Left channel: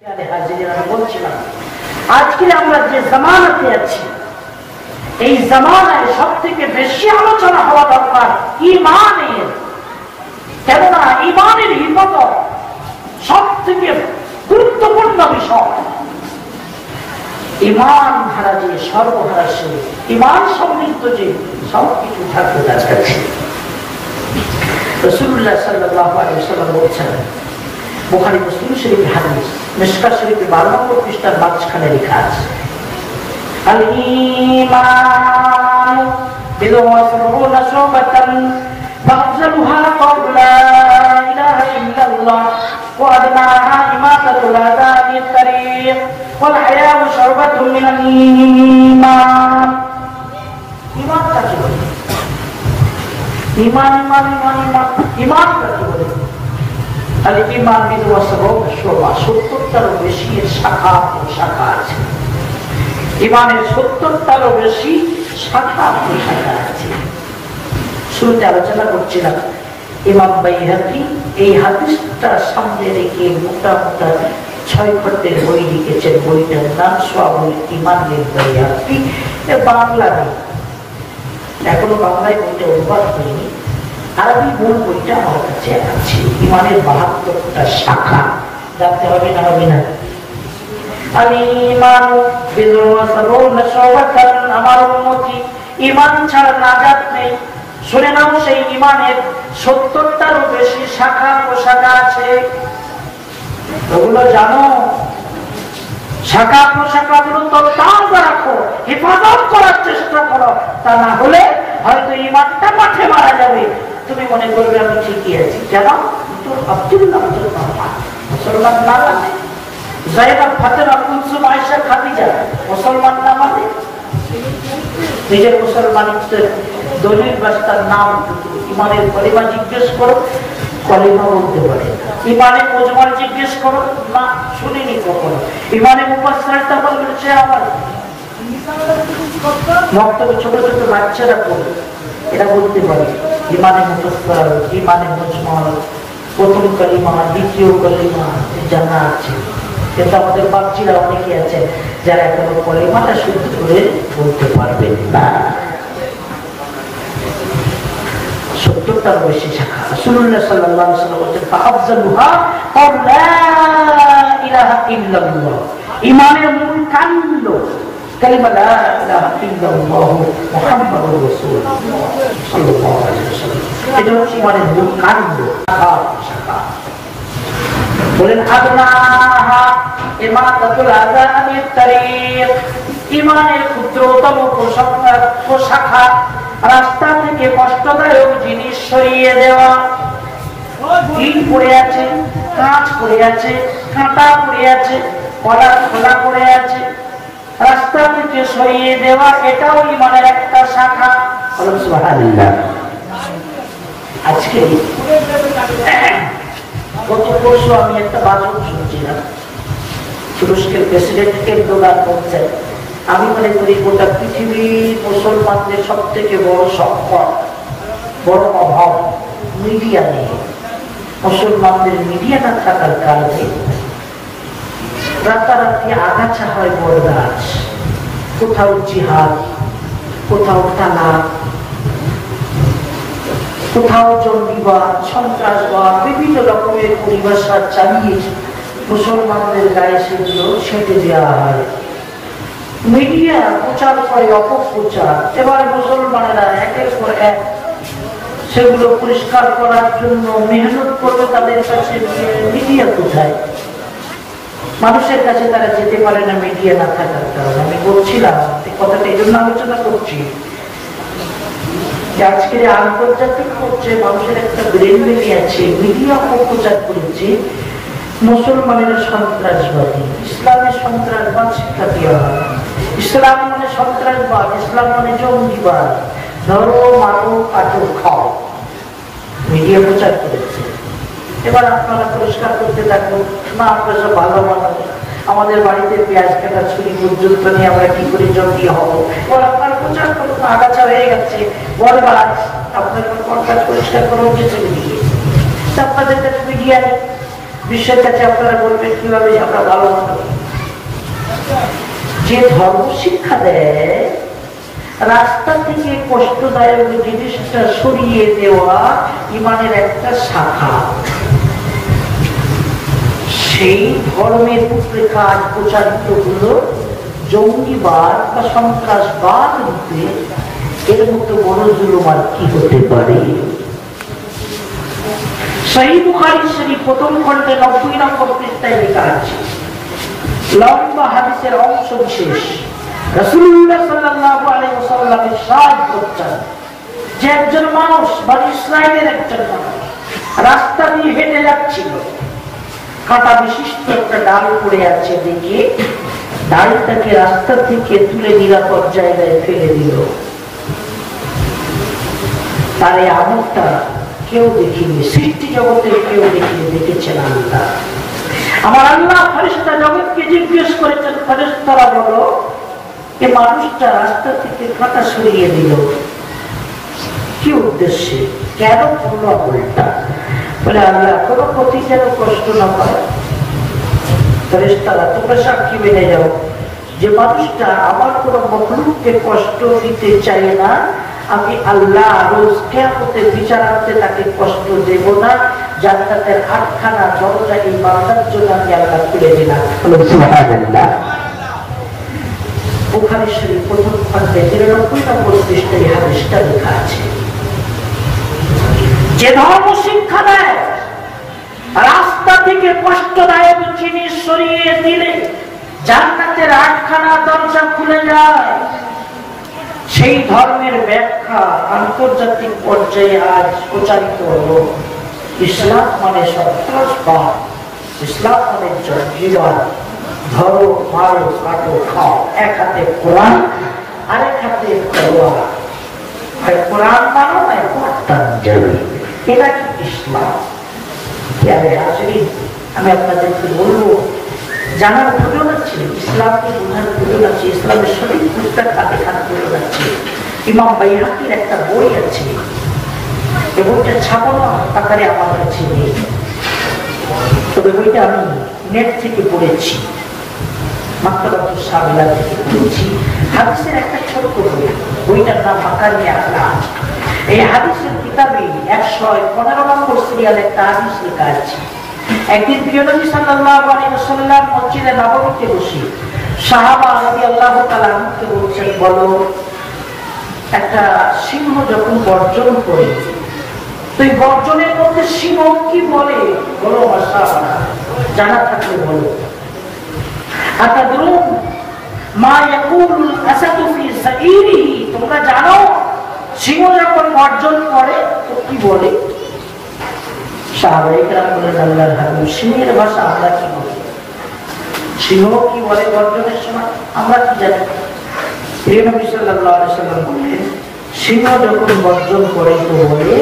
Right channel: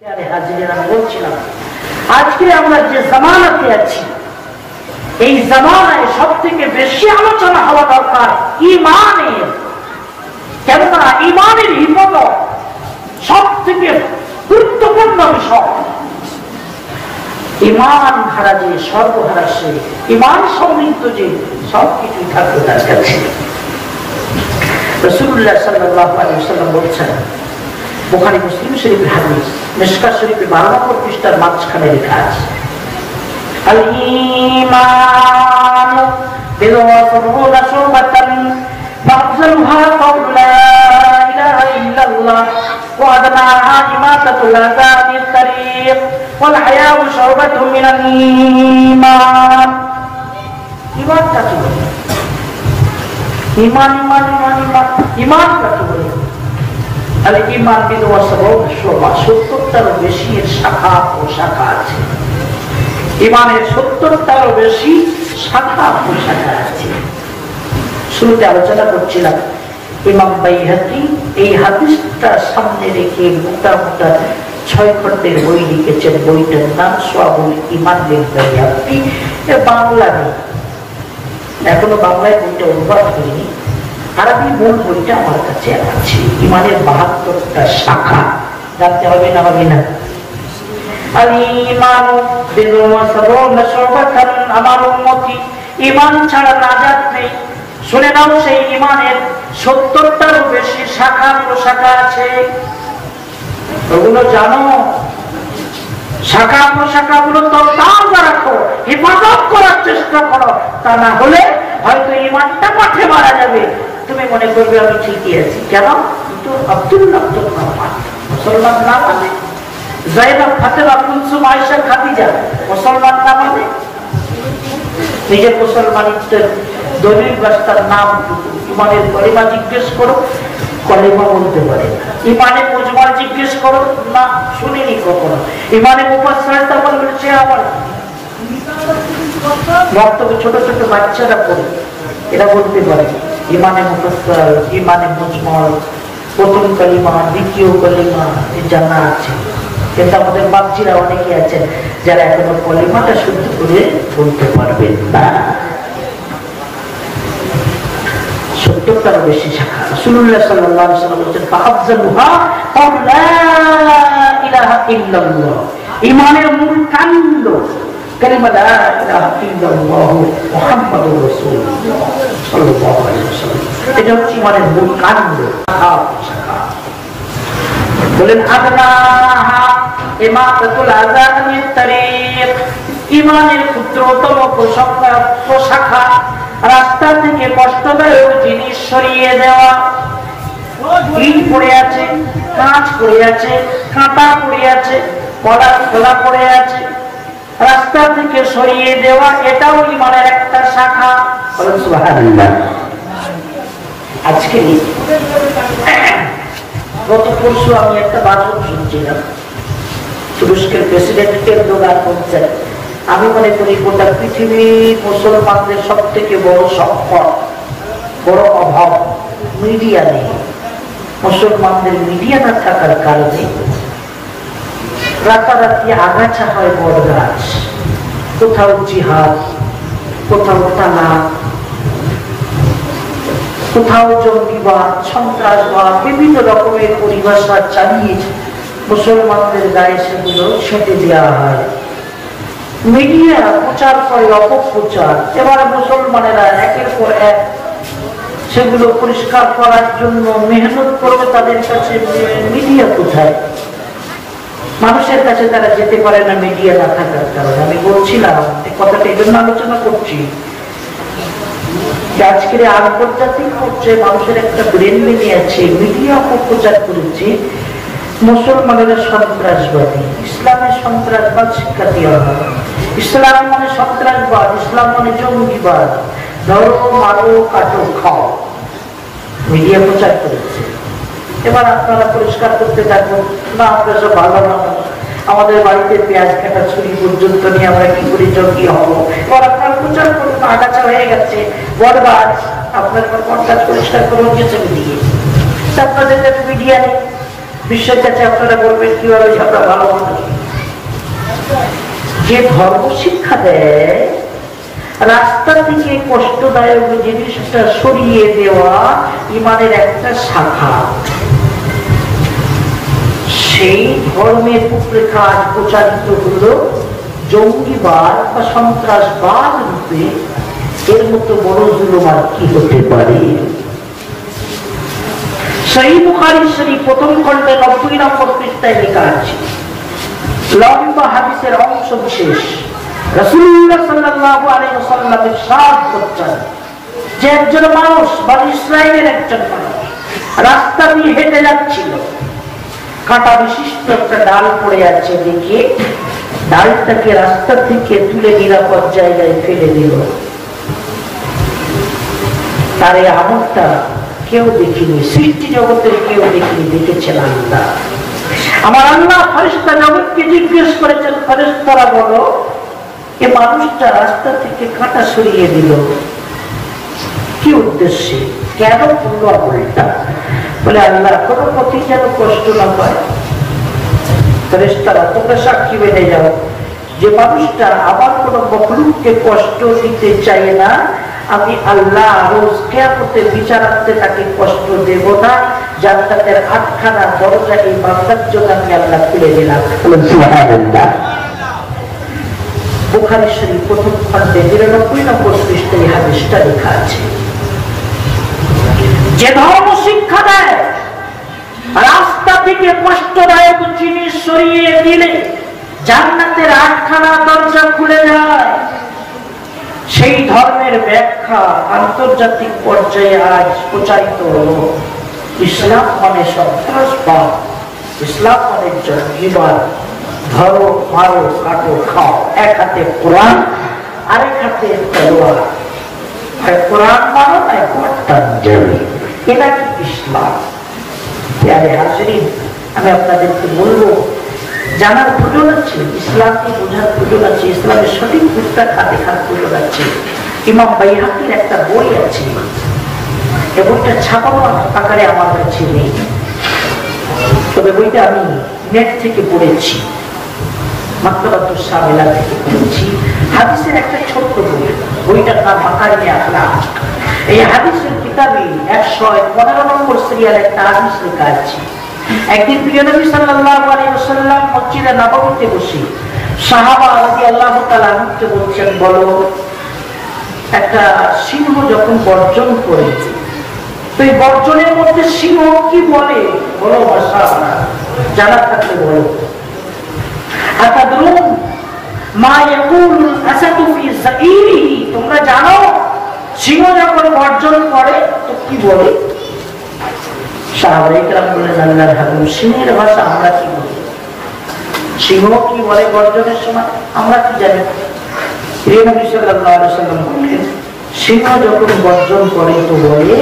বলছিলাম আজকে আমরা যে জামানাতে আছি এই জামানায় সব থেকে বেশি আলোচনা হওয়া দরকার ঈমানের। কেননা ঈমানের হিফাজত সব থেকে গুরুত্বপূর্ণ বিষয়। ঈমান হারা যে সর্বহারা সে, ঈমান সমৃদ্ধ যে সবকিছু থাকবে তার কাছে। রাসূলুল্লাহ সাল্লাল্লাহু আলাইহি ওয়াসাল্লাম বলছেন, বুখারী মুসলিম শরীফের হাদিস, মিশকাত শরীফে 12 নম্বর পৃষ্ঠার মাঝখানে লেখা আছে, আল ঈমান বিদ'আ সাবউনা শুবাতান ফাযলুহা কাওলু লা ইলাহা ইল্লাল্লাহ ওয়া আদনাহা ইমাতাতুল আযা মিন তারিক ওয়াল হায়াউ শুবাতুন মিনাল ঈমান। ঈমান কাকে বলে? ঈমান ঈমান কাকে বলে? তাহলে ঈমান বিদ'আ সাবউনা শুবা, 70টারও বেশি এর শাখা ও শাখা আছে। ঈমানের 70টারও বেশি শাখা ও শাখা আছে। শুরুতে আলোচনা করছিলাম ইমাম বাইহাকি এই হাদিসটা সামনে রেখে মোটা মোটা 6 খণ্ডের বই লিখেছেন। বইটার নাম শুআবুল ঈমান লিল বাইহাকি। এর বাংলা নেই, এখনো বাংলায় বইটা অনুবাদ হয়নি। আরবি মূল বইটা আমার কাছে আছে। ঈমানের 72টা শাখা জানতে হবে না? হবে না? আমার উম্মতি ঈমান ছাড়া নাজাত নেই। শুনে নাও, সেই ঈমানের 70টারও বেশি শাখা প্রশাখা আছে। ওগুলো জানো? শাখা প্রশাখা গুলো তো তাজা রাখো, হেফাজত করার চেষ্টা করো। তা না হলে হয়তো ঈমানটা মাঠে মারা যাবে। তুমি মনে করবে আমি ঠিকই আছি। কেন? আব্দুল্লাহ মুসলমান না মানে, জাইনাব ফাতেমা কুলসুম আয়েশা খাদিজা মুসলমান না মানে, নিজের মুসলমানিত্বের দলিল রাস্তার নাম ঈমানের কলিমা জিজ্ঞেস করো, কলিমা বলতে পারে। ঈমানে মুজমাল জিজ্ঞেস করো, না শুনিনি কখনো। ঈমানে মুফাসসারটা বলবে সে আবার বক্তব্য ছোট ছোট বাচ্চারা পড়ে, এরা বলতে পারে ঈমানে মুফাসসার, ঈমানে মুজমাল, প্রথম কলিমা, দ্বিতীয় কলিমা জানা আছে। কিন্তু আমাদের বাচ্চারা অনেকে আছেন যারা এখনো কলিমাটা শুদ্ধ করে বলতে পারবেন না। 70টারও বেশি শাখা। রাসূলুল্লাহ সাল্লাল্লাহু আলাইহি ওয়াসাল্লাম বলেছেন, ফাআফযালুহা কাওলু লা ইলাহা ইল্লাল্লাহ। ঈমানের মূল কাণ্ড কালিমা লা ইলাহা ইল্লাল্লাহ মুহাম্মাদুর রাসূলুল্লাহ সাল্লাল্লাহু আলাইহি ওয়াসাল্লাম। এটা হচ্ছে ঈমানের মূল কাণ্ড, শাখা। বলেন আদনাহা ইমাতাতুল আযা মিন তারিক। ঈমানের ক্ষুদ্রতম প্রশাখা রাস্তা থেকে কষ্টদায়ক জিনিস সরিয়ে দেওয়া। ইট পড়ে আছে, কাঁচ পড়ে আছে, কাঁটা পড়ে আছে, কলা খোলা পড়ে আছে, রাস্তা থেকে সরিয়ে দেওয়া, এটাও ঈমানের একটা শাখা। সুবহানাল্লাহ। আজকে গত পরশু আমি একটা বাচন শুনছিলাম, তুরস্কের প্রেসিডেন্টকে দোলার করছেন। আমি মনে করি গোটা পৃথিবীর মুসলমানদের সব থেকে বড় সংকট, বড় অভাব মিডিয়া নেই। মুসলমানদের মিডিয়া না থাকার কারণে রাতারাতি আগাছা হয় বড় গাছ। কোথাও জিহাদ, কোথাও তালাক, কোথাও জঙ্গিবাদ, সন্ত্রাসবাদ, বিভিন্ন রকমের পরিভাষা চালিয়ে মুসলমানদের গায়ে সেগুলো ছেঁটে দেওয়া হয়। মিডিয়া প্রচার করে অপপ্রচার। এবার মুসলমানেরা একের পর এক সেগুলো পরিষ্কার করার জন্য মেহনত করবে। তাদের কাছে মিডিয়া কোথায়? মানুষের কাছে তারা যেতে পারে না মিডিয়া না থাকার কারণে। আমি বলছিলাম কথাটা এই জন্য আলোচনা করছি, আজকের আন্তর্জাতিক পর্যায়ে মানুষের একটা ব্রেন বেরিয়েছে, মিডিয়া অপপ্রচার করেছে মুসলমানেরা সন্ত্রাসবাদী, ইসলামের সন্ত্রাসবাদ শিক্ষা দেওয়া হয়। ইসলাম মানে সন্ত্রাসবাদ, ইসলাম মানে জঙ্গিবাদ, ধরো মারো কাটো খাও, মিডিয়া প্রচার করেছে। এবার আপনারা পরিষ্কার করতে থাকুন, না আমরা সব ভালো মানুষ, আমাদের বাড়িতে পেঁয়াজ কাটা ছুরি পর্যন্ত নিয়ে আমরা কি করে জঙ্গি হবো। এবার আপনারা প্রচার করুন, আগাছা হয়ে গেছে, বরবাদ, আপনার পরিষ্কার করে উঠেছে দিয়ে আপনাদের মিডিয়া নেই। বিশ্বের কাছে আপনারা বলবেন কিভাবে আমরা ভালো মানুষ। যে ধর্ম শিক্ষা দেয় রাস্তা থেকে কষ্টদায়ক জিনিসটা সরিয়ে দেওয়া ইমানের একটা শাখা, সেই ধর্মের রূপরেখা প্রচারিত হলো জঙ্গিবাদ বা সন্ত্রাসবাদ রূপে। এর মতো বড় জুলুম আর কি হতে পারে? সহিহ বুখারী শরীফ প্রথম খণ্ডে 90 নম্বর পৃষ্ঠায় লেখা আছে, লম্বা হাদিসের অংশ বিশেষ রাসূলুল্লাহ সাল্লাল্লাহু আলাইহি ওয়াসাল্লাম ইরশাদ করছেন যে একজন মানুষ বনি ইসরাইলের একজন মানুষ রাস্তা দিয়ে হেঁটে যাচ্ছিল, কাঁটা বিশিষ্ট একটা ডাল পড়ে আছে, দেখে ডালটাকে রাস্তা থেকে তুলে নিরাপদ জায়গায় ফেলে দিল। তার এই আমলটা কেউ দেখিনি, সৃষ্টি জগতের কেউ দেখিনি, দেখেছেন আল্লাহ। আমার আল্লাহ ফেরেশতা জগৎকে জিজ্ঞেস করেছেন, ফেরেশতারা বলো এ মানুষটা রাস্তা থেকে কাঁটা সরিয়ে দিল কি উদ্দেশ্যে, কেন করলো আমলটা? বলে আল্লাহ কোনো পথে যেন কষ্ট না পায়। ফেরেশতারা তোমরা সাক্ষী বেঁধে যাও যে মানুষটা আমার কোন মখলুককে কষ্ট দিতে চাই না, আমি আল্লাহ রোজ কিয়ামতের বিচারান্তে তাকে কষ্ট দেব না। জান্নাতের 8খানা দরজা এই বান্দার জন্য আমি আল্লাহ খুলে দিলাম। সুবহানাল্লাহ। বুখারী শরীফ প্রথম খণ্ডে 93 নম্বর পৃষ্ঠায় হাদিসটা লেখা আছে, যে ধর্ম শিক্ষা দেয় রাস্তা থেকে কষ্টদায়ক জিনিস সরিয়ে দিলে জান্নাতের 8খানা দরজা খুলে যায়, সেই ধর্মের ব্যাখ্যা আন্তর্জাতিক পর্যায়ে আজ প্রচারিত হল। ইসলাম মানে সন্ত্রাসবাদ, ইসলাম মানে জঙ্গিবাদ, ধরো মারো কাটো খাও, এক হাতে কোরআন আরেক হাতে তলোয়ার, কোরআন মানো এটা কি ইসলাম? আমি আপনাদেরকে বলবো জানার প্রয়োজন আছে, ইসলামকে বোঝার প্রয়োজন আছে, ইসলামের সঠিক বুঝতে খাতে খাত প্রয়োজন আছে। ইমাম বাইহাকির একটা বই আছে, এই বইটা ছাপানো আকারে আমার কাছে নেই, তবে বইটা আমি নেট থেকে পড়েছি, মাকতাবাতুস শামিলা থেকে পড়েছি। হাদিসের একটা ছোট্ট বই, বইটার নাম মাকারিমে আখলাক। এই হাদিসের কিতাবে 115 নম্বর সিরিয়াল একটা হাদিস লেখা আছে। একদিন প্রিয় নবী সাল্লাল্লাহু আলাইহি ওয়াসাল্লাম মসজিদে নববীতে বসে সাহাবা রাদিয়াল্লাহু তাআলা আনহুকে বলছেন, বলো একটা সিংহ যখন গর্জন করে, তো এই গর্জনের মধ্যে সিংহ কি বলে? বলো মাশাআল্লাহ, জানা থাকলে বলো। আতাদরুন মা ইয়াকুলুল আসাদু ফি যাইরিহি, তোমরা জানো সিংহ যখন গর্জন করে তো কি বলে? সাহাবায়ে কেরাম বলে, আল্লাহর হাবিব সিংহের ভাষা আমরা কি বলি, সিংহ কি বলে গর্জনের সময় আমরা কি জানি? প্রিয় নবী সাল্লাল্লাহু আলাইহি ওয়াসাল্লাম বলেন, সিংহ যখন গর্জন করে তো বলে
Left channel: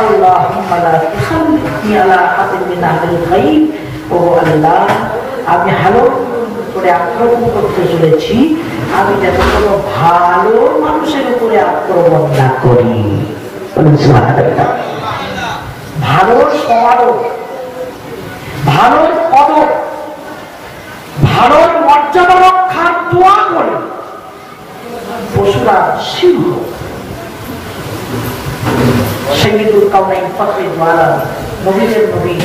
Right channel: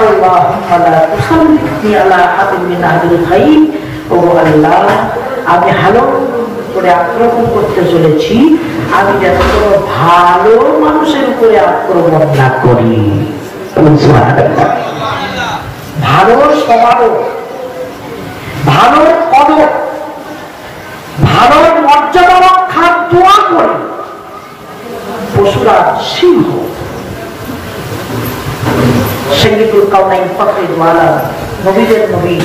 আল্লাহুম্মা লা তুসাল্লিতনি আলা আহাদিন মিন আহলিল খাইর, ও আল্লাহ আমি হালুম করে আক্রমণ করতে চলেছি, আমি যাতে কোনো ভালো মানুষের উপরে আক্রমণ না করি। ভালোর সমারোহ, ভালোর পদক, ভালোর মর্যাদা রক্ষার দোয়া করে পশুরা সিংহ। সাইয়্যিদুল কাওনাইন ফখরুল আলম, নবীদের নবী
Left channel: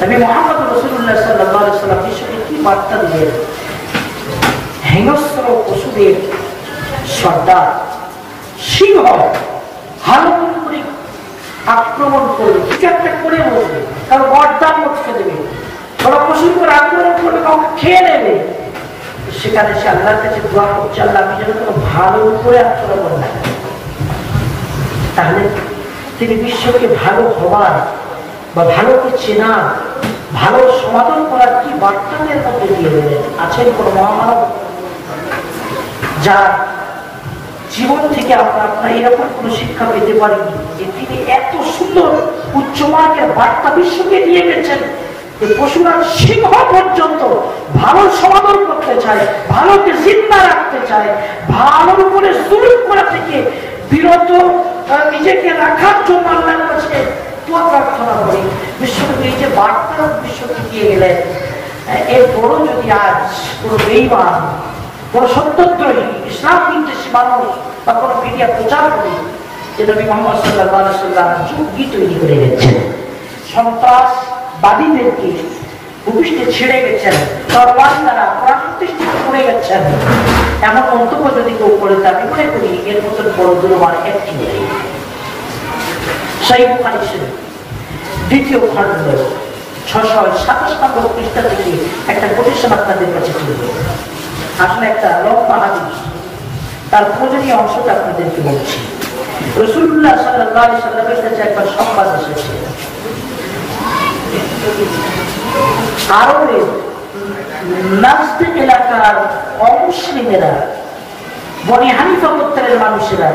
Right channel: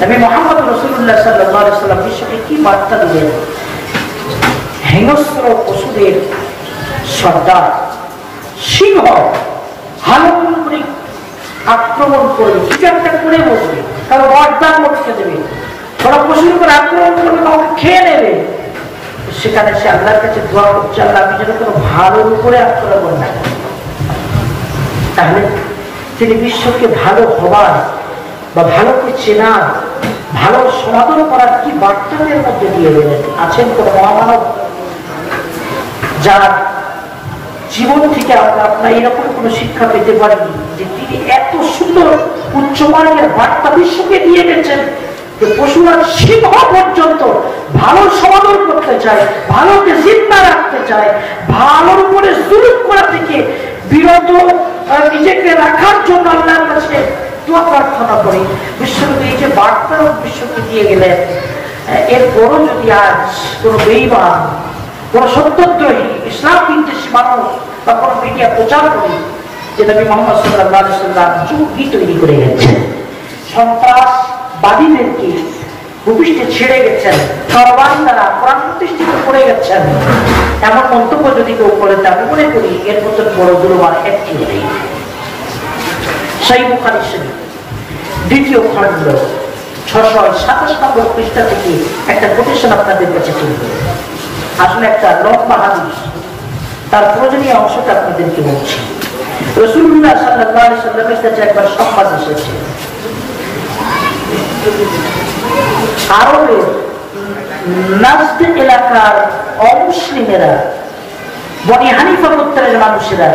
নবী মুহাম্মদ রাসূলুল্লাহ সাল্লাল্লাহু আলাইহি ওয়াসাল্লাম বিশ্বকে কি বার্তা দিলেন? হিংস্র পশুদের সর্দার সিংহ হালুম করে আক্রমণ করে কিছু একটা করে বসবে, তার বরদান মটকে দেবে, ওরা পশুর উপর আক্রমণ করবে, কাউকে খেয়ে নেবে। সেখানে সে আল্লাহর কাছে দোয়া করছে, আল্লাহ আমি যেন কোনো ভালোর উপরে আক্রমণ না করি। তাহলে তিনি বিশ্বকে ভালো হবার বা ভালোকে চেনা, ভালো সমাদর করার কি বার্তাদের মধ্যে দিয়ে দেবেন? আছেন কোন মহামানব যার জীবন থেকে আপনার এরকম কোন শিক্ষা পেতে পারেন যে তিনি এত সুন্দর উচ্চমানের বার্তা বিশ্বকে দিয়ে গেছেন যে পশুরা সিংহ পর্যন্ত ভালো সমাদর করতে চায়, ভালোকে জিন্দা রাখতে চায়, ভালোর উপরে জুলুম করা থেকে বিরত নিজেকে রাখার জন্য আল্লাহর কাছে দোয়া প্রার্থনা করি। বিশ্বনবী এই যে বার্তা বিশ্বকে দিয়ে গেলেন, এরপরও যদি আজ কোনো বেঈমান, কোনো সত্যদ্রোহী, ইসলাম বিদ্বেষী মানুষ বা কোনো মিডিয়া প্রচার করি যে নবী মুহাম্মদ সাল্লাল্লাহু আলাইহি ওয়াসাল্লাম যুগই তৈরি করে গেছেন, সন্ত্রাসবাদীদেরকে ভূপৃষ্ঠে ছেড়ে গেছেন, তরবারি দ্বারা কোরআন প্রতিষ্ঠিত করে গেছেন, এমন মন্তব্য যদি কেউ করে, আমি মনে করি এর মতন বড় দুর্বার একটি নেই। সহিহ বুখারী শরীফ 2য় খণ্ড 627 নম্বর পৃষ্ঠা থেকে একটা কোটেশন আপনাদের কাছে তুলে দেব। আসলে একটা লম্বা হাদিস, তার প্রয়োজনীয় অংশটা আপনাদেরকে বলছি। রাসূলুল্লাহ সাল্লাল্লাহু আলাইহি ওয়াসাল্লামের কাছে একবার সংবাদ এসেছে, আরবের নাজদ এলাকার অমুসলিমেরা, বনি হানিফা গোত্রের মানুষেরা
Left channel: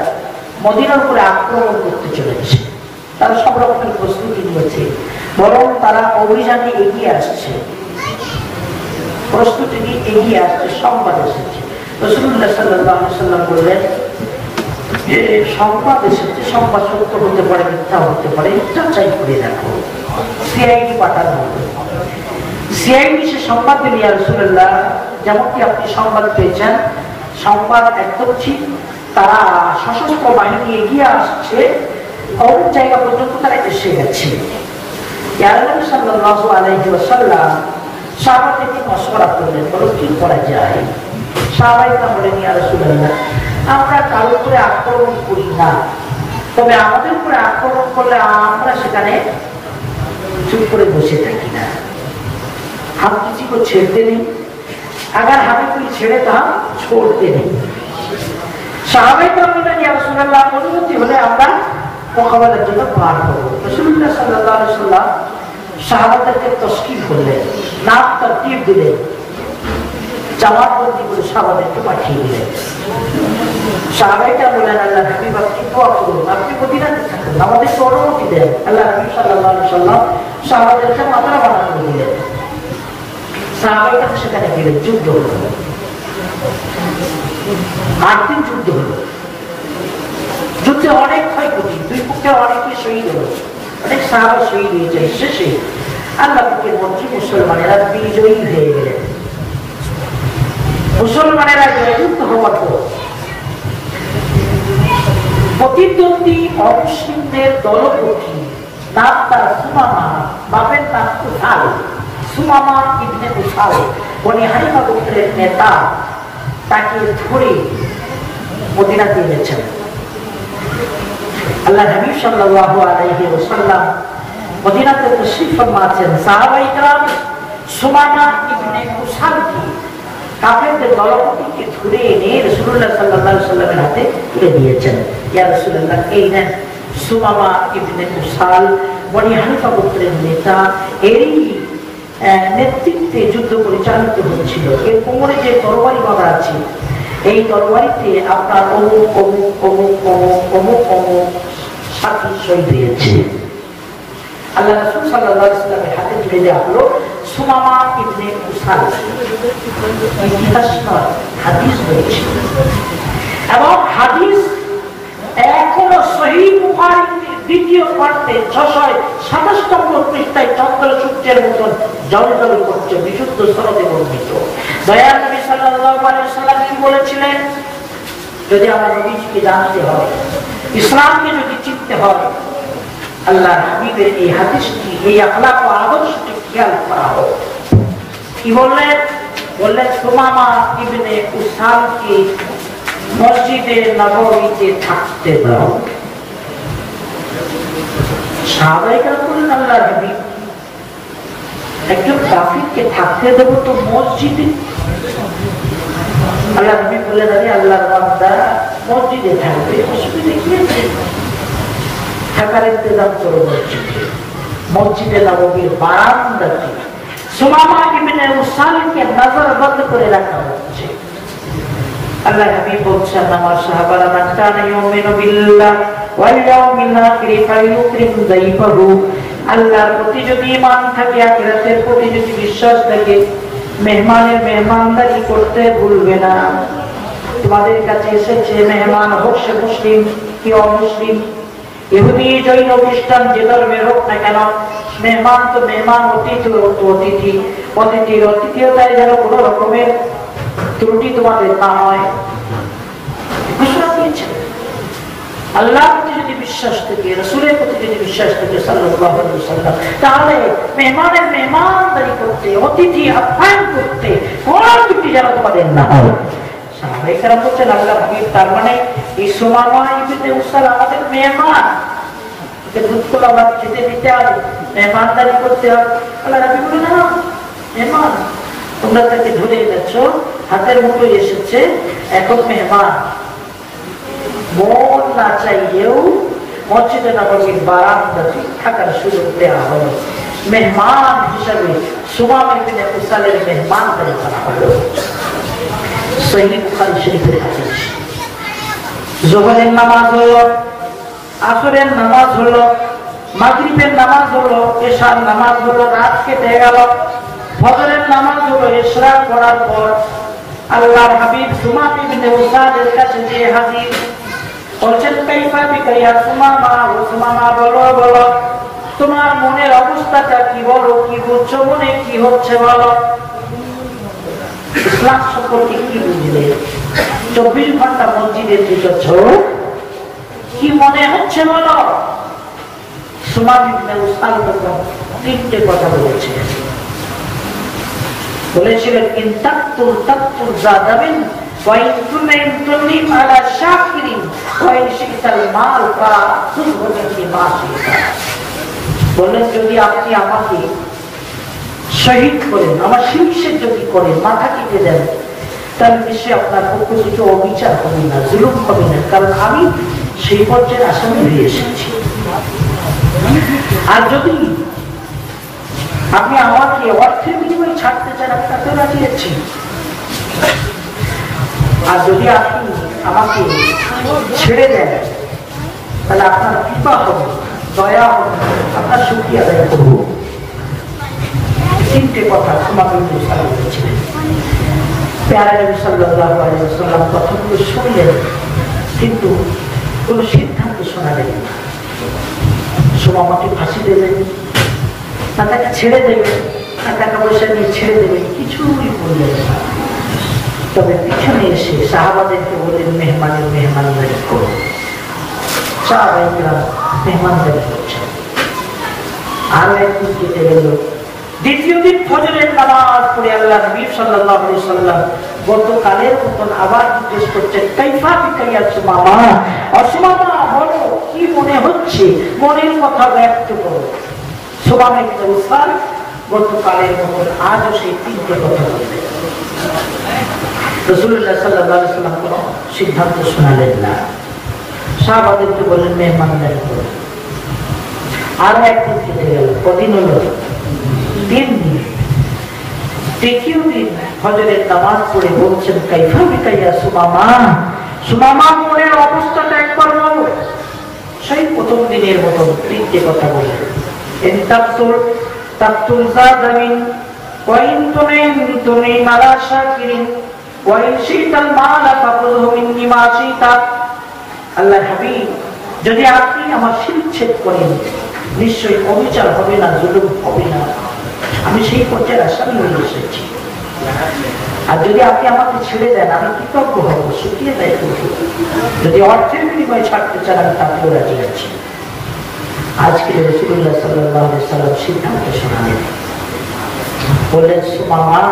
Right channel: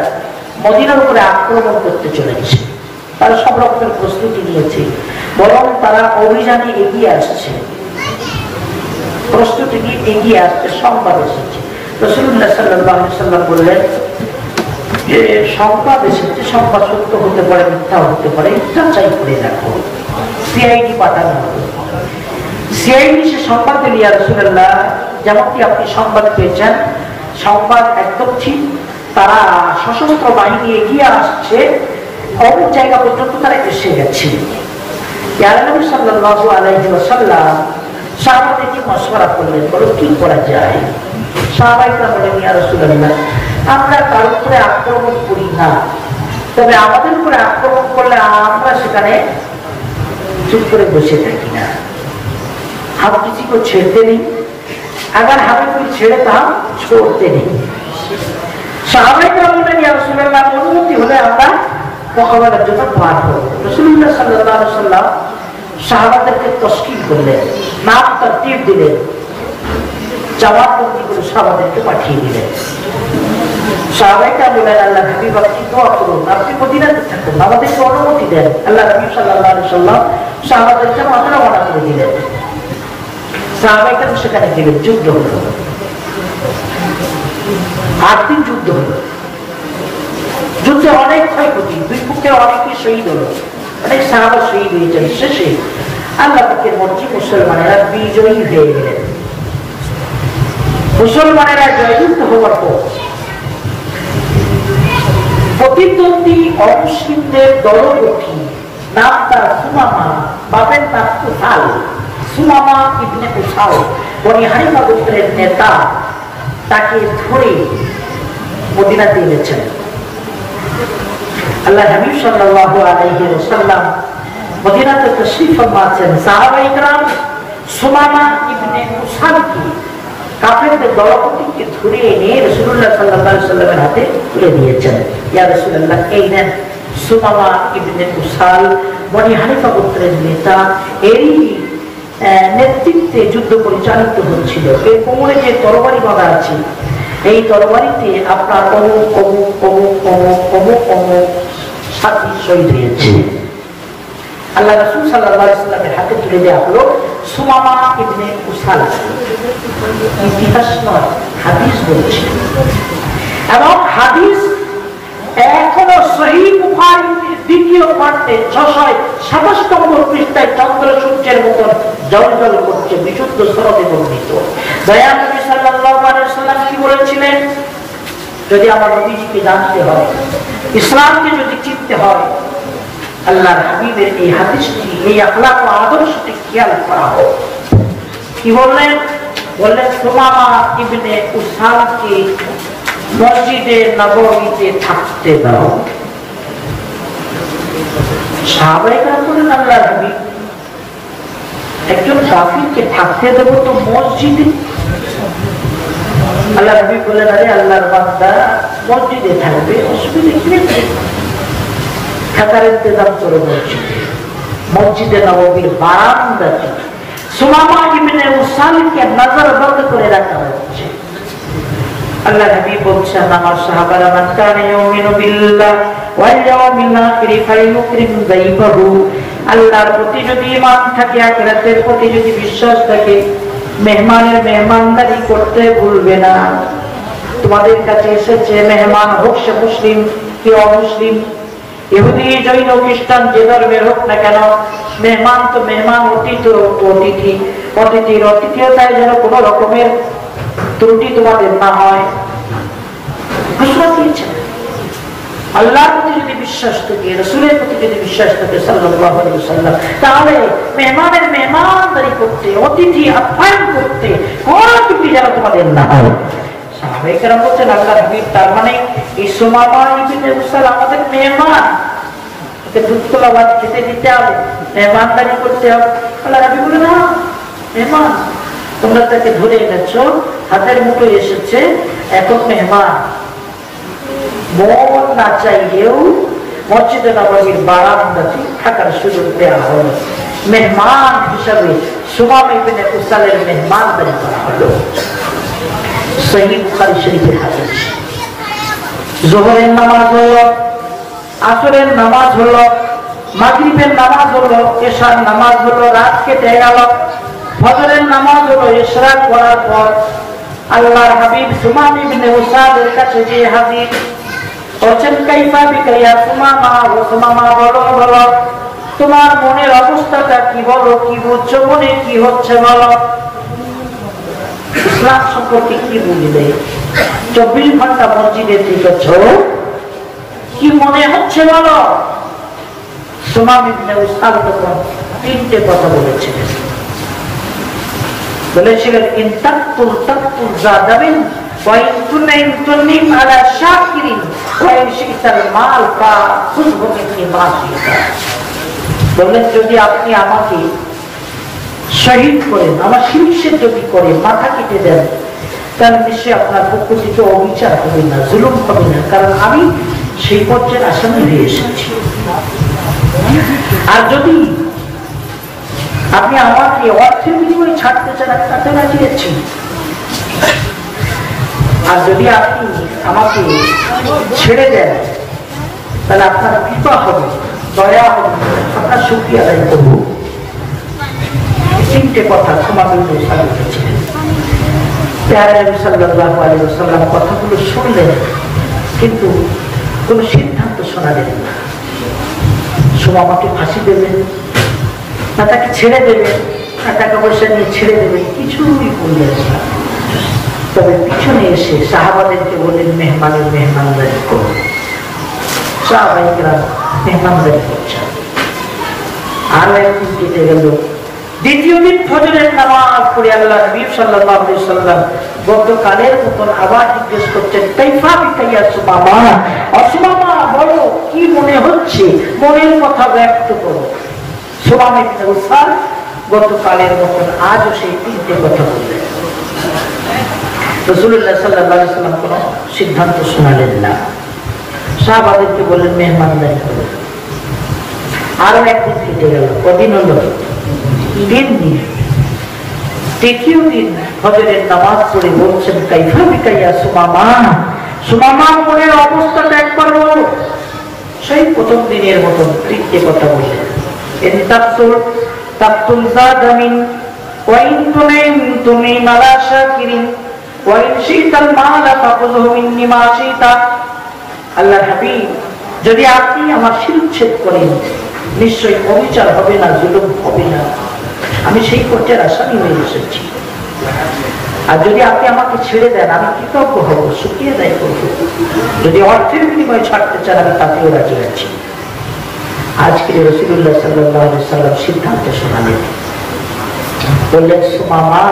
মদিনার উপরে আক্রমণ করতে চলেছে। তারা সব রকমের প্রস্তুতি নিয়েছে, বরং তারা অভিযানে এগিয়ে আসছে, প্রস্তুতি নিয়ে এগিয়ে আসছে। সংবাদ এসেছে, রাসূলুল্লাহ সাল্লাল্লাহু আলাইহি ওয়াসাল্লাম বললেন যে সংবাদ এসেছে, সংবাদ সত্য হতে পারে, মিথ্যা হতে পারে, যাচাই করে দেখো। সিআইডি পাঠানো হলো। সিআইডি সে সংবাদ দিল, ইয়া রাসূলুল্লাহ, যেমনটি আপনি সংবাদ পেয়েছেন, সংবাদ একদম ঠিক, তারা সশস্ত্র বাহিনী এগিয়ে আসছে, অনেক জায়গা পর্যন্ত তারা এসে গেছে। ইয়া নবী সাল্লাল্লাহু আলাইহি ওয়াসাল্লাম সাহাবাদেরকে মশওয়ারা করলেন, বলো কি করা যায়? সাহাবারা বলেন, ইয়া রাসূলুল্লাহ, আমরা কারোর উপরে আক্রমণ করি না, তবে আমাদের উপরে আক্রমণ করলে আমরা সেখানে চুপ করে বসে থাকি না, हम किसी को छेड़ते नहीं, अगर हमें कोई छेड़े तो हम छोड़ते नहीं। साहबाए किराम बोलेन, या রাসূলুল্লাহ, অনুমতি হলে আমরা মোকাবেলার জন্য পার হব। রাসূলুল্লাহ সাল্লাল্লাহু আলাইহি ওয়াসাল্লাম সাহাবাদেরকে তশকিল করলেন, নাম তরতিব দিলেন, জবাববন্দি করে সাহাবাদেরকে পাঠিয়ে দিলেন। সাহাবায়ে কিরাম বলেন, আল্লাহ হাবিব, আপনি দোয়া করুন, আপনি মদিনাতে থাকুন, আমাদেরকে অনুমতি দেন। আল্লাহ হাবিব সাল্লাল্লাহু আলাইহি ওয়াসাল্লাম সাহাবাদেরকে মদিনা রওনা করে দিলেন। সাহাবায়ে কিরাম সেখানে গেলেন, যুদ্ধ হলো, 8 দিন যুদ্ধ হলো। যুদ্ধে অনেক ক্ষয়ক্ষতি, দুই পক্ষে অনেকে শহীদ হলো, অনেক সাহাবা শহীদ হয়েছেন। শেষে আল্লাহ পাকের মর্জি, মুসলমানেরা বিজয়ী হয়ে গেলেন। মুসলমানেরা জয়যুক্ত হওয়ার পর প্রতিদ্বন্দ্বী অমুসলিমদের দলপতি, নাম তার সুমামা, বাপের নাম উসাল, সুমামা ইবনে উসাল, বনি হানিফা গোত্রের নেতা, তাকে ধরে মদিনাতে এনেছেন। আল্লাহ হাবিব সাল্লাল্লাহু আলাইহি ওয়াসাল্লাম মদিনাতে তাশরীফ ফরমাচ্ছেন। সাহাবায়ে কেরাম সুমামা ইবনে উসালকে, কাফেরদের দলপতিকে ধরে এনে রাসূলুল্লাহ সাল্লাল্লাহু আলাইহি ওয়াসাল্লামের হাতে তুলে দিয়েছেন। ইয়া রাসূলুল্লাহ, এই নেন সুমামা ইবনে উসাল, বনি হানিফা গোত্রের নেতা, এরই নেতৃত্বে যুদ্ধ পরিচালিত হচ্ছিল। এই কোমরে যে তরবারি বাঁধা আছে, এই তরবারিতে আপনার অমুক অমুক অমুক অমুক অমুক অমুক সাথী শহীদ হয়েছে। আল্লাহ রাসূল সাল্লাল্লাহু আলাইহি ওয়াসাল্লামের হাতে তুলে দেওয়া হলো সুমামা ইবনে উসাল। ইতিহাস নয়, হাদিস বলছে, এবং হাদিস এখনো সহিহ বুখারীর 2য় খণ্ডে 627 নম্বর পৃষ্ঠায় চন্দ্র সূর্যের মতন জলজল করছে, বিশুদ্ধ সনদে বর্ণিত। দয়ার নবী সাল্লাল্লাহু আলাইহি ওয়াসাল্লাম কি বলেছিলেন? যদি আমার নবীকে জানতে হয়, ইসলামকে যদি চিনতে হয়, আল্লাহর হাবিবের এই হাদিসটি, এই আখলাক ও আদর্শটি খেয়াল করা হোক। কি বললেন? বললেন সুমামা ইবনে উসালকে মসজিদে নববীতে থাকতে দাও। সাহাবায়ে কেরাম বলেন, আল্লাহর হাবিব, একজন কাফিরকে থাকতে দেব তো মসজিদে? আল্লাহর হাবিব বলেন, আরে আল্লাহর বান্দা মসজিদে থাকবে, অসুবিধা কি আছে? থাকার ইন্তজাম করে মসজিদে নববীর বারান্দাতে সুমামা ইবনে উসালকে নজরবন্দ করে রাখা হচ্ছে। আল্লাহ নবী বলছেন, আমার সাহাবারা, মান কানা ইউমিনু বিল্লাহ ওয়াল ইয়াউমিল আখির ফায়ুকরিম যাইফাহু, আল্লাহর প্রতি যদি ঈমান থাকে, আখিরাতের প্রতি যদি বিশ্বাস থাকে, মেহমানের মেহমানদারি করতে ভুলবে না। তোমাদের কাছে এসেছে মেহমান, হোক সে মুসলিম কি অমুসলিম, ইহুদি জৈন খ্রিস্টান যে ধর্মের হোক না কেন, মেহমান তো মেহমান, অতিথি অতিথি, অতিথির অতিথিয়তায় যেন কোনো রকমের ত্রুটি তোমাদের না হয় ঘোষণা দিয়েছেন। আল্লাহর প্রতি যদি বিশ্বাস থাকে, রাসূলের প্রতি যদি বিশ্বাস থাকে সাল্লাল্লাহু আলাইহি ওয়াসাল্লাম, তাহলে মেহমানের মেহমানদারি করতে, অতিথি আপ্যায়ন করতে কোনো ত্রুটি যেন তোমাদের না হয়। সাহাবায়ে কেরাম বলছেন আল্লাহর হাবিব, তার মানে এই সুমামা ইবনে উসাল আমাদের মেহমান, ওকে দুধতলা ভাত খেতে দিতে হবে, মেহমানদারি করতে হবে। আল্লাহর হাবিব বলেন না, মেহমান তোমরা তাকে ধরে এনেছো, হাতের মুঠে এসেছে, এখন মেহমান। মন না চাইলেও মসজিদে নববীর বারান্দাতে থাকার সুযোগ দেওয়া হয়। মেহমান হিসাবে সুমামা ইবনে উসালের মেহমানদারি করা হলো। সহিহ বুখারী শরীফের হাদিস। যোহরের নামাজ হলো, আসরের নামাজ হলো, মাগরিবের নামাজ হলো, এশার নামাজ হলো, রাত কেটে গেল, ফজরের নামাজ হলো। ইশরাক করার পর আল্লাহর হাবিব সুমামা ইবনে উসালের কাছে যে হাজির বলছেন, কাইফা বিকা ইয়া সুমামা, ও সুমামা বলো বলো তোমার মনের অবস্থাটা কি, বলো কি বুঝছো, মনে কি হচ্ছে বলো, ইসলাম সম্পর্কে কি বুঝলে, 24 ঘন্টা মসজিদে থেকেছ, কি মনে হচ্ছে বলো। সুমামা ইবনে উসাল তখন 3টে কথা বলেছিলেন। বলেছিলেন, ইন তাকতুল তাকতুল জাদাবিন ওয়া ইন তুনাইন তুনিম আলা শাকিরিন ওয়া ইন শিতাল মাল ফা খুযহু মিননি মা শিতা। বলেন, যদি আপনি আমাকে শহীদ করেন, আমার শিরকে যদি করেন, মাথা কেটে দেন, তাহলে নিশ্চয়ই আপনার পক্ষ থেকে অবিচার হবে না, জুলুম হবে না, কারণ আমি সেই পর্যায়ে আসামি হয়ে এসেছি। আর যদি আপনি আমাকে অর্থের বিনিময়ে ছাড়তে চান, আমি তাতে রাজি আছি। আর যদি আপনি আমাকে ছেড়ে দেন, তাহলে আপনার কৃপা হবে, দয়া হবে, আপনার শুকরিয়া আদায় করব। 3টে কথা সুমামা ইবনে উসাল বলেছিলেন। প্যারা নবী সাল্লাল্লাহু আলাইহি ওয়াসাল্লাম কথাগুলো শুনলেন, কিন্তু কোনো সিদ্ধান্ত শোনালেন না। সুমামাকে ফাঁসি দেবেন না তাকে ছেড়ে দেবেন না টাকা পয়সা নিয়ে ছেড়ে দেবেন, কিছুই বললেন না। তবে পিছনে এসে সাহাবাদেরকে বললেন, মেহমানের মেহমানদারি করুন। সাহাবারা মেহমানদারি করছেন। আরো একদিন কেটে গেল, দ্বিতীয় দিন ফজরের নামাজ পড়ে আল্লাহ নবী সাল্লাল্লাহু আলাইহি ওয়াসাল্লাম গতকালের মতন আবার জিজ্ঞেস করছেন, কাইফা বিকা ইয়া সুমামা, সুমামা বলো কি মনে হচ্ছে, মনের কথা ব্যক্ত করো। সুমামা ইবনে উসাল গতকালের মতন আজও সেই 3টে কথা বললেন। রাসূলুল্লাহ সাল্লাল্লাহু আলাইহি ওয়াসাল্লাম কোনো সিদ্ধান্ত শোনালেন না। সাহাবাদেরকে বললেন, মেহমানদারি করো। আরো একদিন কেটে গেল, কদিন হলো? 3 দিন। তৃতীয় দিন ফজরের নামাজ পড়ে বলছেন, কাইফা বিকা ইয়া সুমামা, সুমামা মনের অবস্থাটা একবার বলো। সেই প্রথম দিনের মতন 3টে কথা বললেন। ইন তাকতুল তাকতুল জাদামিন ওয়া ইন তুনাইন তুনিম আলা শাকিরিন ওয়া ইন শিতাল মালা ফাখুযহু মিন্নি মা শিতা। আল্লাহর হাবিব, যদি আপনি আমার শিরচ্ছেদ করেন, নিশ্চয়ই অবিচার হবে না, জুলুম হবে না, আমি সেই পর্যায়ের আসামি হয়ে এসেছি। আর যদি আপনি আমাকে ছেড়ে দেন, আমি কৃতজ্ঞ হব, শুকরিয়া আদায় করব। যদি অর্থের বিনিময়ে ছাড়তে চান, আমি তাতেও রাজি আছি। আজকে রাসূলুল্লাহ সাল্লাল্লাহু আলাইহি ওয়াসাল্লাম সিদ্ধান্ত শোনালেন। বললেন, সুমামা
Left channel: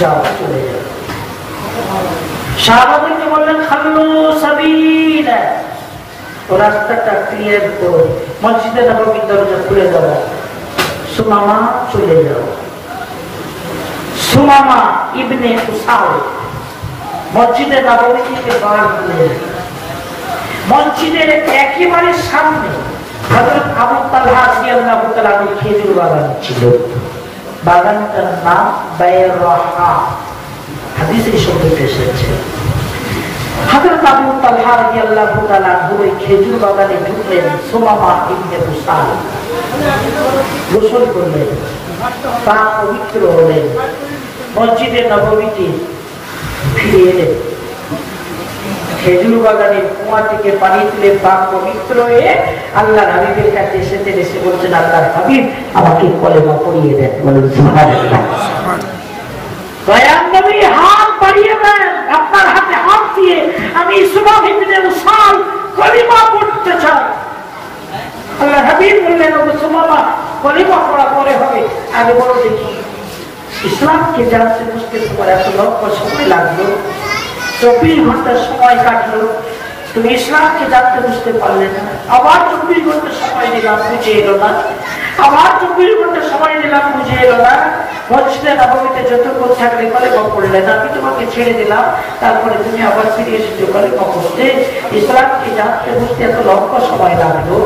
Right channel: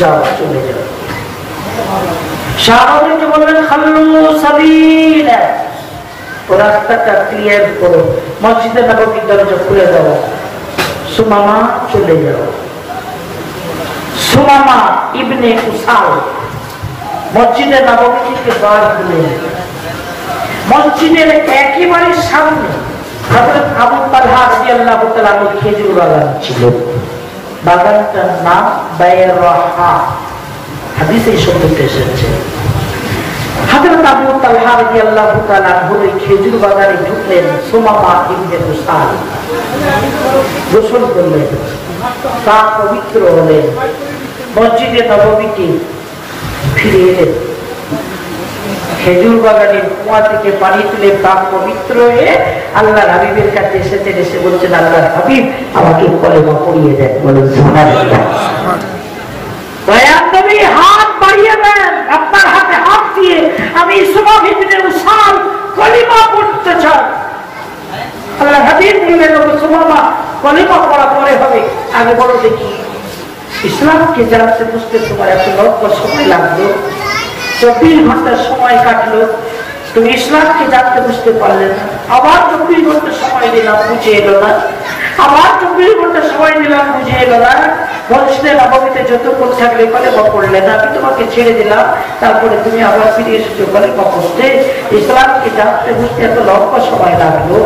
যাও, চলে যাও। সাহাবাদেরকে বললেন, খাল্লু সাবিলা, ও রাস্তাটা ক্লিয়ার করো, মসজিদে নববীর দরজা খুলে দেওয়া। সুমামা চলে যাও। সুমামা ইবনে উসাল মসজিদে নববী থেকে বার হলেন। মসজিদের একেবারে সামনে হযরত আবু তালহা রাদিয়াল্লাহু তাআলা খেজুর বাগান ছিল। বাগানটার নাম বাইরাহা, হাদিসে শব্দটি এসেছে। হযরত আবু তালহা রাদিয়াল্লাহু তাআলা খেজুর বাগানে ঢুকলেন। সুমামা ইবনে উসাল গোসল করলেন, তা পবিত্র হলেন, মসজিদে নববীতে ফিরে এলেন। খেজুর বাগানের কুয়া থেকে পানি তুলে প্রাণ পবিত্র হয়ে আল্লাহ হাবিবের কাছে এসেছেন, এসে বলছেন আল্লাহ হাবিব আমাকে কলেমা পড়িয়ে দেন। বলেন সুবহানাল্লাহ। দয়ার নবী হাত বাড়িয়ে দেন, আপনার হাতে হাত দিয়ে আমি সুমামা ইবনে উসাল কলেমা পড়তে চাই। আল্লাহ হাবিব বললেন ওগো সুমামা কলেমা পড়া পরে হবে, আগে বলো দেখি ইসলামকে জানতে বুঝতে তোমার এত লক্ষ সময় লাগলো, 24 ঘন্টার সময় কাটলো, তুমি ইসলামকে জানতে বুঝতে পারলে না। আবার 24 ঘন্টা সময় দিলাম, বুঝে এলো না। আবার 24 ঘন্টা সময় দিলাম, বুঝে এলো না। মসজিদে নববীতে যতক্ষণ থাকলে কলেমা পড়লে না, আমি তোমাকে ছেড়ে দিলাম, তারপরে তুমি আবার ফিরে এসেছো কলেমা পড়তে। ইসলামকে জানতে বুঝতে এত লক্ষ সময় লাগলো।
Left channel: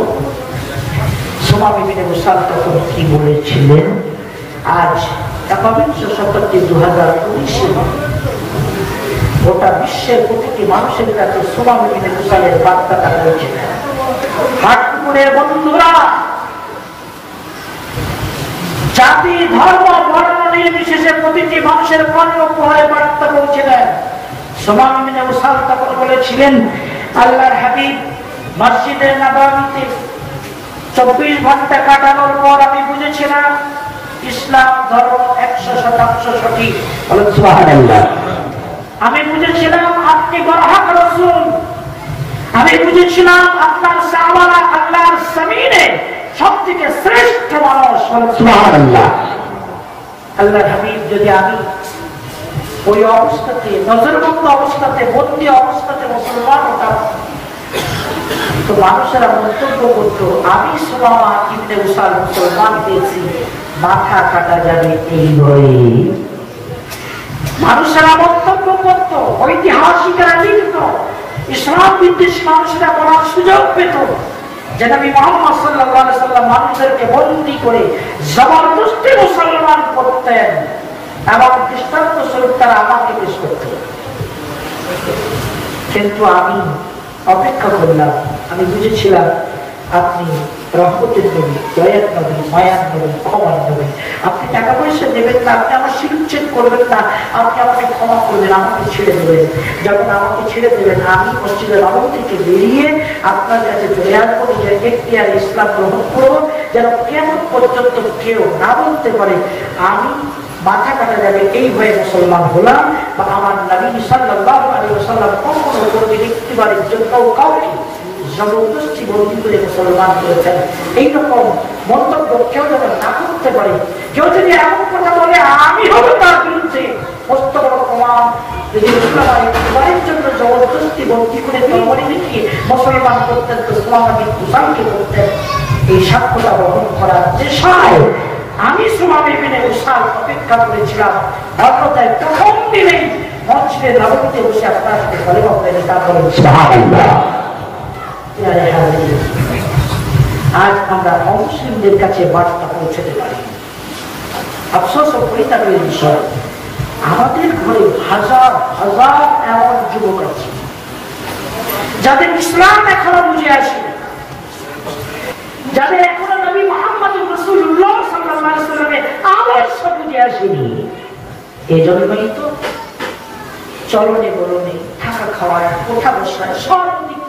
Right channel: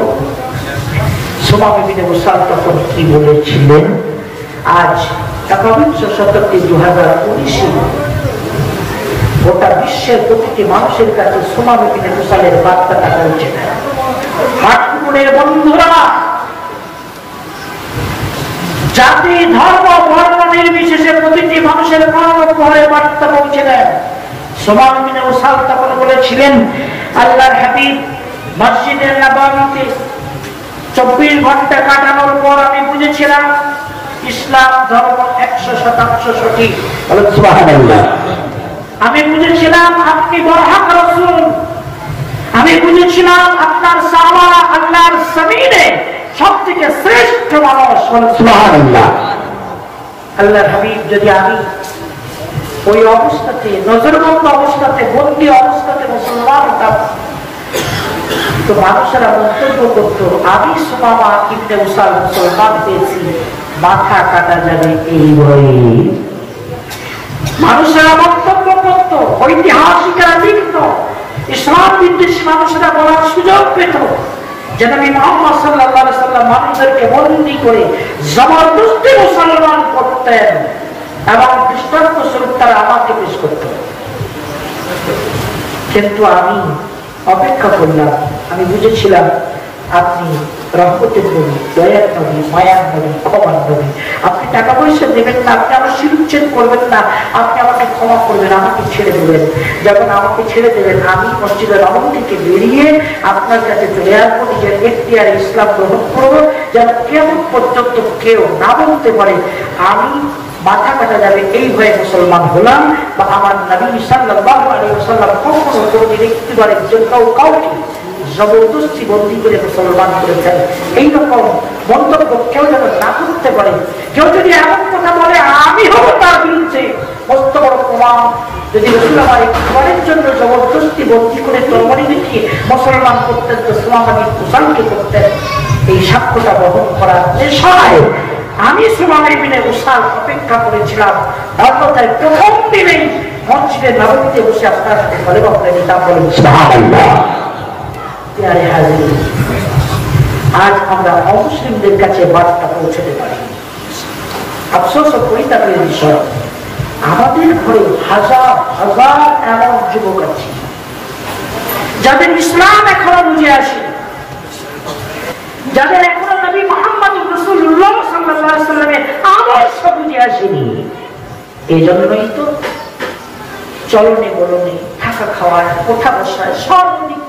সুমামা ইবনে উসাল তখন কি বলেছিলেন? আজ একবিংশ শতাব্দী 2019-এ গোটা বিশ্বের প্রতিটি মানুষের কাছে সুমামা ইবনে উসালের বার্তাটা পৌঁছে দেয়। হাটপুরের বন্ধুরা, জাতি ধর্ম বর্ণ নির্বিশেষে প্রতিটি মানুষের কর্ণপ্রহরে বার্তা পৌঁছে দেয়। সুমামা ইবনে উসাল তখন বলেছিলেন আল্লাহর হাবিব মসজিদে নববীতে 24 ঘন্টা কাটানোর পর আমি বুঝেছিলাম ইসলাম ধর্ম 100% সঠিক। বলেন সুবহানাল্লাহ। আমি বুঝেছিলাম আপনি বরহক রাসূল, আমি বুঝেছিলাম আপনার সাহাবারা আল্লাহর জমিনে সবথেকে শ্রেষ্ঠ মানুষ। বলেন সুবহানাল্লাহ। আল্লাহর হাবিব যদি আমি ওই অবস্থাতে নজরবন্দ অবস্থাতে বন্দী অবস্থাতে মুসলমান হতাম তো মানুষেরা মন্তব্য করতো আমি সুমামা ইবনে উসাল মুসলমান হয়েছি, মাথা কাটা যাবে এই ভয়ে। মানুষেরা মন্তব্য করত, ঐতিহাসিকরা লিখত, ইসলাম বিদ্বেষী মানুষেরা বলার সুযোগ পেত যে নবী মুহাম্মদ সাল্লাল্লাহু আলাইহি সাল্লাম মানুষদেরকে বন্দী করে জবরদস্তি মুসলমান করতেন এবং দৃষ্টান্ত স্বরূপ তারা আমাকে পেশ করত। কিন্তু আমি অপেক্ষা করলাম, আমি বুঝেছিলাম আপনি রহমতের নবী, দয়ার নবী, মায়ার নবী, ক্ষমার নবী। আপনি টাকা পয়সা দেবেন না, আপনি আমার শিরুচ্ছেদ করবেন না, আপনি আমাকে ক্ষমা করবেন, আমাকে ছেড়ে দেবেন। যখন আমাকে ছেড়ে দেবেন আমি মসজিদের রহম থেকে বেরিয়ে আপনার কাছে চলে আসবো, নিজের এখতিয়ারে ইসলাম গ্রহণ করবো, যেন কেমন পর্যন্ত কেউ না বলতে পারে আমি মাথা কাটা যাবে এই ভয়ে মুসলমান হলাম, বা আমার নবী সাল্লাল্লাহু আলাইহি ওয়াসাল্লাম কখনো কোনো ব্যক্তিবারের জন্য কাউকে জবরদস্তি বন্দী করে মুসলমান করেছেন। এইরকম মন্তব্য কেউ যেন না করতে পারে। কেউ যদি এমন কথা বলে আমি হবো তার বিরুদ্ধে মস্ত বড় প্রমাণ। যদি রসুল আমার একবারের জন্য জবরদস্তি বন্দী করে তরবারি দেখিয়ে মুসলমান করতেন তো সুমামা ইবনে উসালকে করতেন। এই সাক্ষ্যটা বহন করার নেশায় আমি সুমামা ইবনে উসাল অপেক্ষা করেছিলাম। অন্যথায় প্রথম দিনেই মসজিদে নববীতে বসে আপনার সাথে কলেমা পড়ে নিতাম। বলেন সুবহানাল্লাহ। আজ আমরা অমুসলিমদের কাছে বার্তা পৌঁছতে পারি। আফসোস ও পরিতাপের বিষয়, আমাদের ঘরে হাজার হাজার এমন যুবক আছে যাদের ইসলাম এখনো বুঝে আসে, যাদের এখনো নবী মুহাম্মদ রাসূলুল্লাহ সাল্লাল্লাহু আলাইহি ওয়াসাল্লামের আদর্শ বুঝে আসেনি। এই জন্যই তো চলনে বলনে, থাকা খাওয়ায়, ওঠা বসায় সব দিক